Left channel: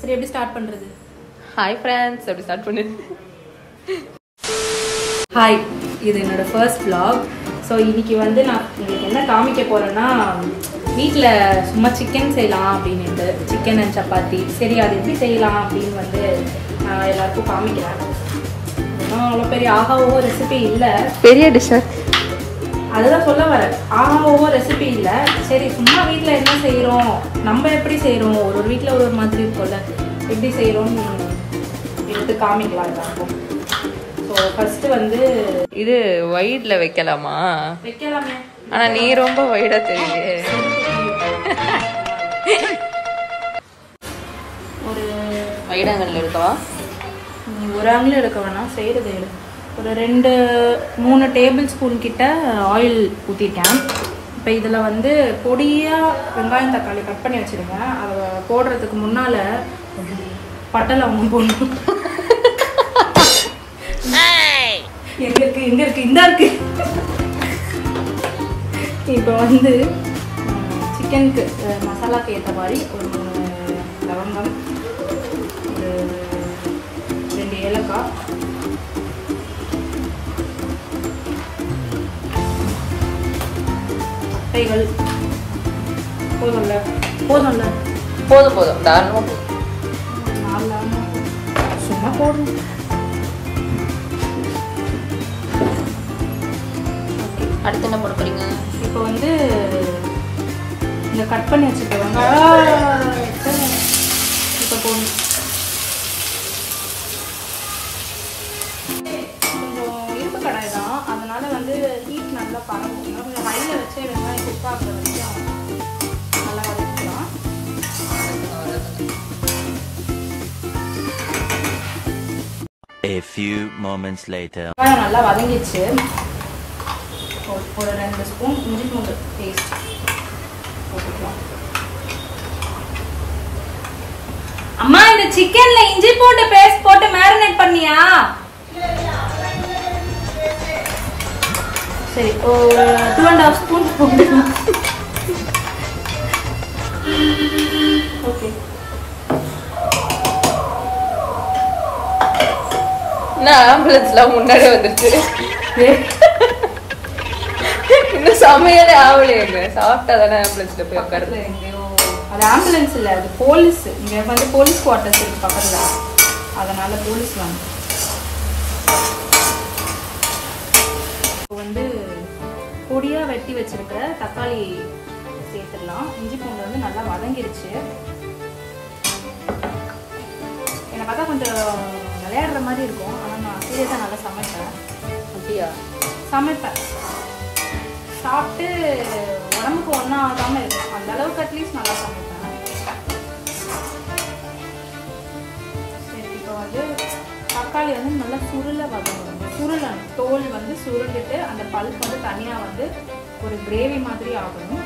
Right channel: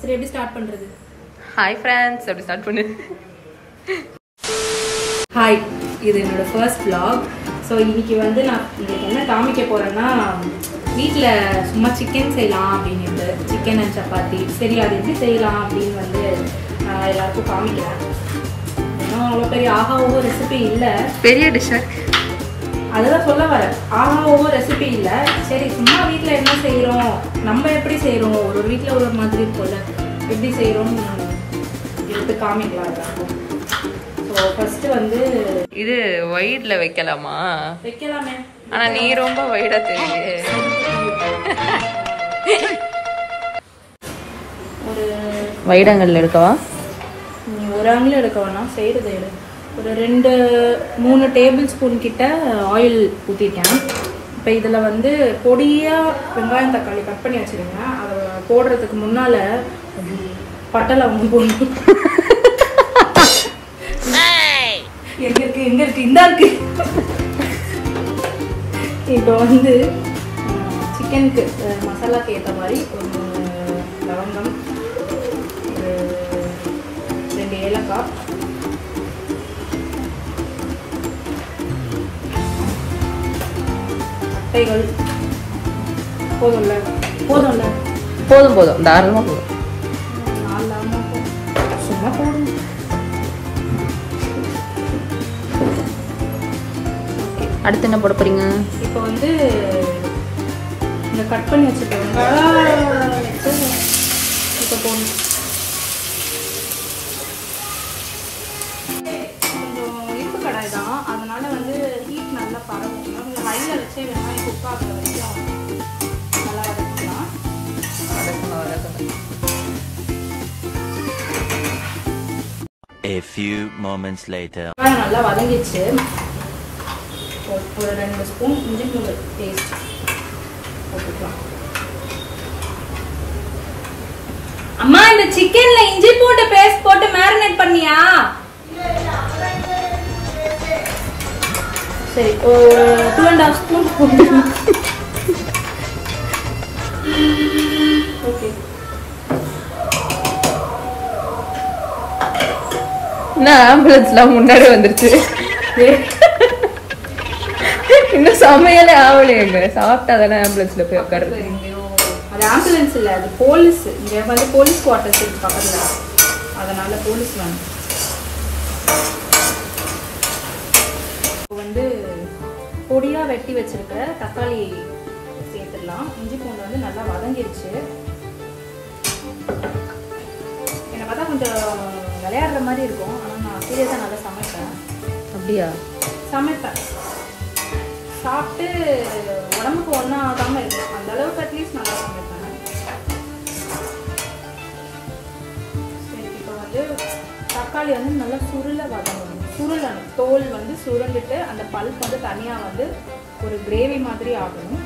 சரி எப்படி ஸ்டார்ட் பண்றது? ஹாய் ஃப்ரெண்ட்ஸ், எப்படி ஸ்டார்ட் பண்ணு? ஹாய், இது என்னோட ஃபர்ஸ்ட் vlog. ஸோ இன்னைக்கு வந்து நான் உங்களுக்கு என்ன காமிக்க போறேன்னா, வீட்டில் சும்மா சிக்கன் செய்யலாம் அப்படின்ட்டு, சிக்கன் அண்ட் சப்பாத்தி. சரி அது எப்படி செய்யலாம் அப்படின்னு வந்து எல்லாருக்கும் காமிக்கிறேன். இன்னும் அவ்வளோ பெரிய ஆகாவோ ரெசிபி இல்லை, பெரிய டிஷ்ஷர். அதுதான் சொல்ல வரேன். ஆகாவோ ரெசிபி இல்லை. சரி சும்மா வீட்டில் என்ன செய்கிறோம், நம்ம எப்படி செய்கிறோம், ஒரு ஒரு வீட்டில் ஒரு மாதிரி இருக்கும்ல, எப்படி செய்கிறோன்னு எடுத்து காமிக்கலாம் எல்லாருக்கும். ஸோ ஃபர்ஸ்ட் வந்து இது வைட்ல வைக்கலாமா? வைக்கலாமே, ஆனா நீ ரொம்ப வைடா தெரியுது. ஒரு வைடங்கள் எடுக்கவா? நீ ஒரு ஆங்கிலும் எடுக்க வேணாம், செய்கிறது எடு. ஒரு 2-3 டேபிள் ஸ்பூன் கிட்ட ஆயில் ஊற்றிட்டேன். இப்போ இதில் வந்து பொடியாக வெங்காயம் தக்காளி கட் பண்ணி வச்சுருங்க. அதை போடுறதுக்கு முன்னால் பட்டை லவங்கம் போடணும். எங்க இருக்கு இந்தா இருக்கு. இப்போ வந்து சிக்கனுக்கு மசாலாக்கு ஏற்ற மாதிரி ஒரு லவங்கம், ஒரு 2 ஏலக்காய், பட்டைகள். போதும்ல போதும். நானும் சும்மா போடும். அடுத்து என்ன போட போறீங்க? இப்போ வந்து இந்த கட் பண்ணி வச்சுக்கோங்க. இப்போ போடணும். கொஞ்சம் இரும்பு கடாய் தான், அதனால வந்து ஹீட் நல்லா பரவும். கொஞ்சம் ஹையில் வச்சே வெங்காயம் குக் ஆகிற வரைக்கும் நல்லா வதக்கலாம். A few moments later. நல்லா வதங்கிச்சு. ஒரு 2 ஸ்பூன் இஞ்சி பூண்டு பேஸ்ட் போட்டுக்கலாம். அம்மா, இந்த சிக்கன்ல இஞ்சி பூண்டு பேஸ்ட் போட்டு மேரினேட் பண்ணியா? சரி, ஒரு 2.5 ஸ்பூன் போட்டுக்கலாம். ஓகே. ஆம்புலன்ஸ்லாம் முன்னாடி வந்துருச்சு. இன்னும் சமையலே ஆகலையே. சாப்பிட்டா தானே ஆம்புலன்ஸ்ல போய் உட்காருது. அது ஆம்புலன்ஸ் இல்ல, அது போலீஸ். இங்க வந்து போலீஸ் குவார்டர்ஸ் இருக்கு பக்கத்துல, அதனால போலீஸ் வாங்க. வந்து பொடியா வெட்டி வச்சிருக்கிற தக்காளி சேர்த்துடலாம். இஞ்சி பூண்டு வந்து நல்லா வதங்கிருச்சு. என்னை பார்த்தா கொஞ்சம் விளையாடுற மாதிரி இருக்கும், ஆனால் நான் சீரியஸாக நல்லா சமைப்பேன். சமைப்பேன், சாப்பிட்டு உடம்புக்கு ஒன்றும் ஆகாமல் இருக்கும். அந்த அளவுக்கு அட்லீஸ்ட் நல்லா சமைப்பேன். சரி, இப்போ வந்து தக்காளி வந்து நல்லா சுருளணும். தோல் வந்து சுருங்கிட்டு அந்த பல்ப் வந்து தனியாக வந்து ஒரு கிரேவி மாதிரி ஆகணும்.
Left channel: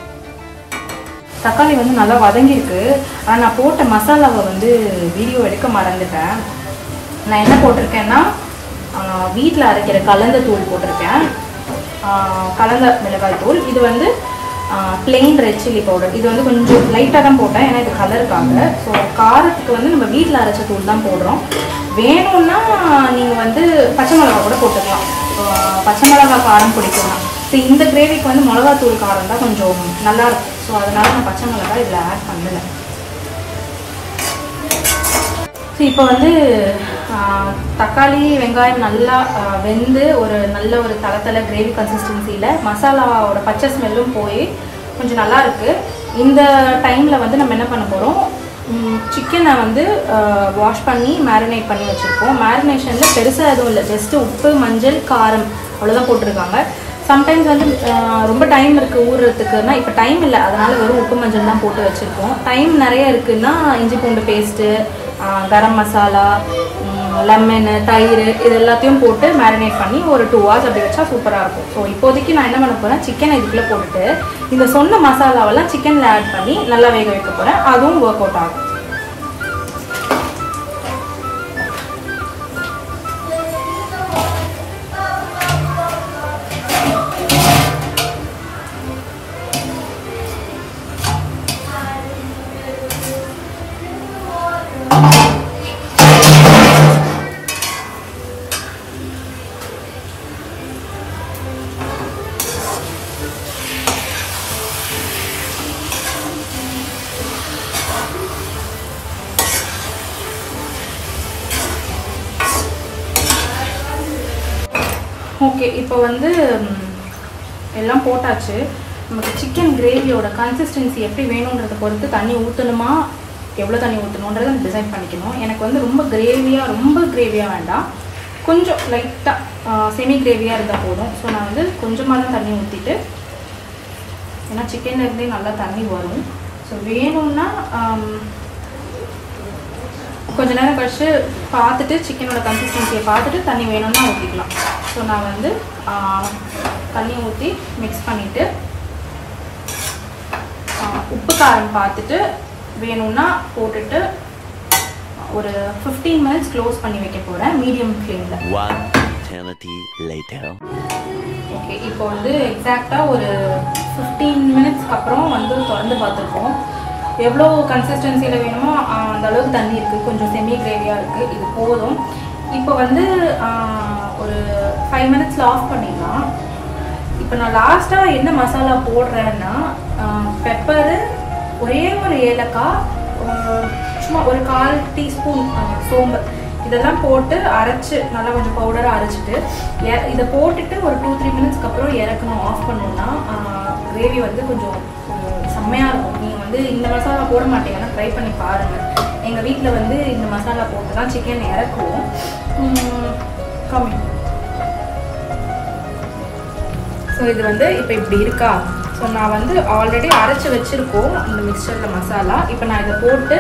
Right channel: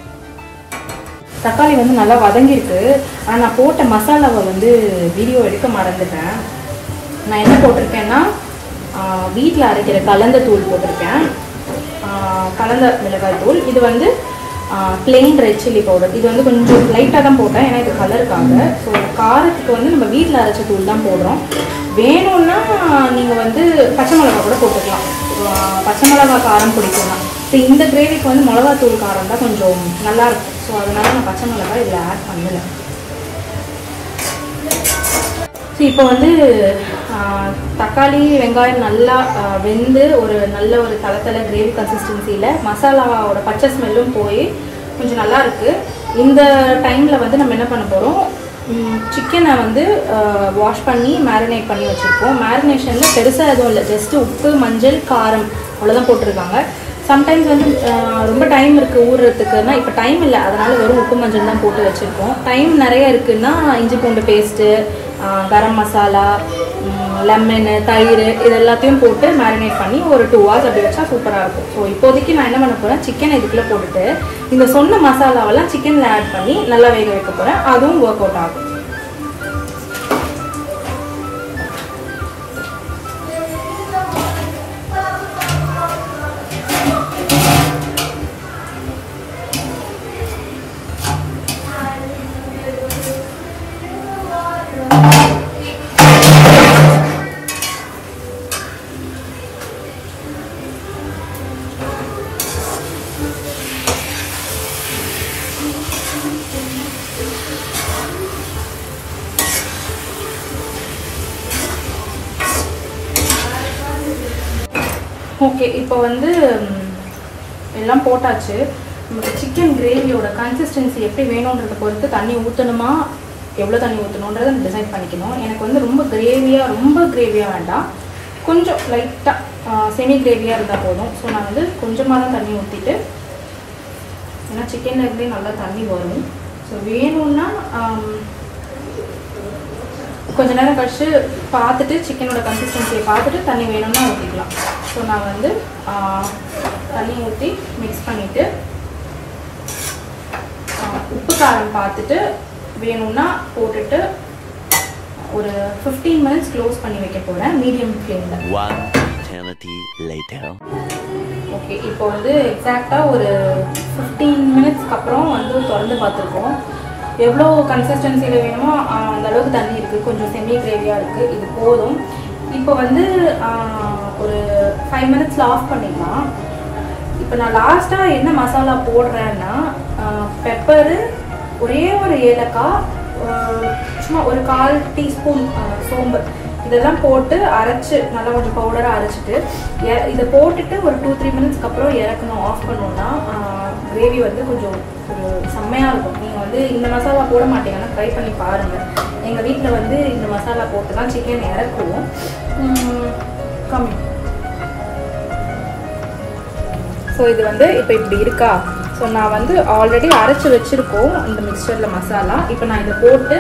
தக்காளி வந்து நல்லா வதங்கிருக்கு. ஆனால் நான் போட்ட மசாலாவை வந்து வீடியோ எடுக்க மறந்துட்டேன். நான் என்ன போட்டிருக்கேன்னா, வீட்டில் அரைக்கிற கலந்த தூள் போட்டிருக்கேன், கலந்த மிளகாய் தூள். இது வந்து பிளெயின் ரெட் சில்லி பவுடர். இது வந்து கொஞ்சம் லைட்டாக தான் போட்டேன், ஏன்னா இது கலருக்காக. ஸோ காரத்துக்கு வந்து நம்ம வீட்டில் அரைச்ச தூள் தான் போடுறோம். வேணும்னா நீங்கள் வந்து பச்சை மிளகா கூட போட்டுக்கலாம். பச்சை மிளகா காரம் பிடிக்கலாம். ஸோ இந்த கிரேவிக்கு வந்து மிளகாத்தூள் காரம் தான் கொஞ்சம் நல்லாயிருக்கும். ஸோ அதனால நான் பச்சை மிளகா இதில் ஆட் பண்ணலை. ஸோ இப்போ வந்து தக்காளி வெங்காயம் நல்லா வெந்து ஒரு நல்ல ஒரு தளத்தலை கிரேவி கன்சிஸ்டன்சியில் மசாலாவோட பச்சை ஸ்மெல்லும் போய் கொஞ்சம் நல்லா இருக்குது. இந்த டைமில் வந்து நம்ம என்ன பண்ண போகிறோம், சிக்கனை வந்து வாஷ் பண்ணி மேரினேட் பண்ணி வச்சுருக்கோம். மேரினேஷனில் பெருசாக எதுவும் இல்லை, ஜஸ்ட்டு உப்பு, மஞ்சள், காரம் அவ்வளோதான் போட்டிருக்காங்க. சம்டைம்ஸ் வந்து ரொம்ப டைம் இருக்குது ஊறுறதுக்குன்னா, இப்போ டைம் இல்லை, அதனால் வெறும் உப்பு மஞ்சள் தான் போட்டு வச்சுருக்கோம். டைம் நிறைய இருக்குதுன்னா இஞ்சி பூண்டு பேஸ்ட்டு, கரம் மசாலா, லெமனு, தயிர், இது எல்லாத்தையும் போட்டு மேரினேட் பண்ணி ஒரு 2 hours அப்படி வச்சா சூப்பராக இருக்கும். ஸோ இப்போதைக்கு நான் என்ன பண்ண போகிறேன், சிக்கனை இதுக்குள்ளே போட்டுட்டு இந்த சொன்ன மசாலாவெல்லாம் சிக்கனில் ஆட் பண்ணி நல்லா வேக வைக்க போகிறேன். அதுவும் ஒர்க் அவுட் ஆகும். ஓகே, இப்போ வந்து எல்லாம் போட்டாச்சு. நமக்கு சிக்கன் கிரேவியோட கன்சிஸ்டன்சி எப்படி வேணுன்றதை பொறுத்து தண்ணி ஊற்றணுமா, எவ்வளோ தண்ணி ஊற்றணுன்றதை டிசைட் பண்ணிக்கணும். எனக்கு வந்து ரொம்ப கிரேவியாக வேண்டாம், கொஞ்சம் லைட்டாக செமி கிரேவியாக இருந்தால் போதும். ஸோ நான் வந்து கொஞ்சமாக தான் தண்ணி ஊற்றிட்டு, ஏன்னா சிக்கன்லேருந்தே நல்லா தண்ணி வரும். ஸோ வேணும்னா கொஞ்ச நேரம் கழிச்சு பார்த்துட்டு சிக்கனோட கன்சிஸ்டன்சியை பார்த்துட்டு தண்ணி வேணும்னா ஊற்றிக்கலாம். ஸோ நான் வந்து தண்ணி ஊற்றி மிக்ஸ் பண்ணிவிட்டு உப்பு காரம் பார்த்துட்டு வேணும்னா போட்டுட்டு ஒரு 15 மினிட்ஸ் க்ளோஸ் பண்ணி வைக்க போகிறேன் மீடியம் ஃப்ளேமில். ஓகே, இப்போ வந்து எக்ஸாக்டாக ஒரு 15 மினிட்ஸ்க்கு அப்புறம் வந்து திறந்து பார்த்துருக்கோம். எவ்வளோ கன்சிஸ்டன்சியில் வேணுமோ அந்த அளவுக்கு தண்ணி இருக்குது, கொஞ்சம் செமி கிரேவியாக இருக்குது, இது போதும். இப்போ வந்து ஒரு 5 மினிட்ஸில் ஆஃப் பண்ணிடலாம். இப்போ நான் லாஸ்ட்டாக என்ன மசாலா போடுறேன்னா பெப்பரு, ஒரே ஒரு ஏலக்காய், சும்மா ஒரு 1/4 டீஸ்பூன் சோம்பு, இதெல்லாம் போட்டு அரைச்சி நல்லா கொஞ்சம் பவுடராக அரைச்சிட்டு இதை போட்டுட்டு ஒரு 2-3 மினிட்ஸ்க்கு அப்புறம் இறக்கணும், ஆஃப் பண்ணோன்னா கிரேவி வந்து கொஞ்சம் செம்மையாக இருக்கும். நீங்கள் வந்து இந்த மசாலா போட மாட்டீங்கன்னா ட்ரை பண்ணி பாருங்கள். எங்கள் வீட்டில் வந்து இந்த மசாலா போட்டு தான் சிக்கன் இறக்குவோம். கம்மி. ஸோ இது வந்து இப்போ இப்படி இருக்கா. ஸோ நான் வந்து ஆல்ரெடி அரைச்சி வச்சுருக்கோம் இந்த மிக்சரில் மசாலா. இப்போ நான் இதை போட்டு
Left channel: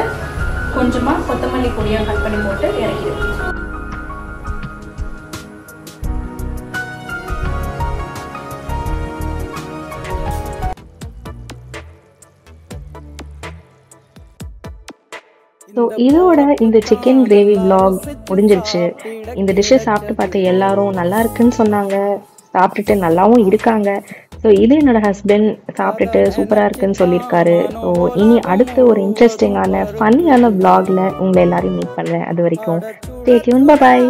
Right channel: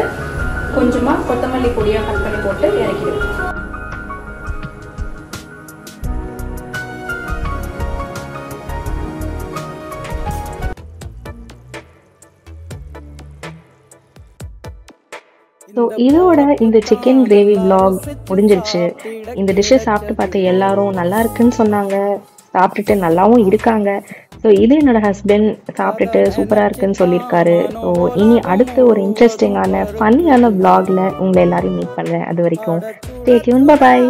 கொஞ்சமாக கொத்தமல்லி பொடியாக கட் பண்ணி போட்டு இறக்கிடுவேன். ஸோ இதோட இந்த சிக்கன் கிரேவி vlog முடிஞ்சிருச்சு. இந்த டிஷ்ஷை சாப்பிட்டு பார்த்து எல்லாரும் நல்லா இருக்குன்னு சொன்னாங்க, சாப்பிட்டுட்டு நல்லாவும் இருக்காங்க. ஸோ இது என்னோட ஹஸ்பண்ட் சாப்பிட்டுட்டு சூப்பராக இருக்குன்னு சொல்லியிருக்காரு. ஸோ இனி அடுத்த ஒரு இன்ட்ரெஸ்டிங்கான ஃபன்னியான vlogல உங்களை எல்லாரையும் மீட் பண்ணுறேன். அது வரைக்கும் ஸ்டே டியூன், பை பாய்.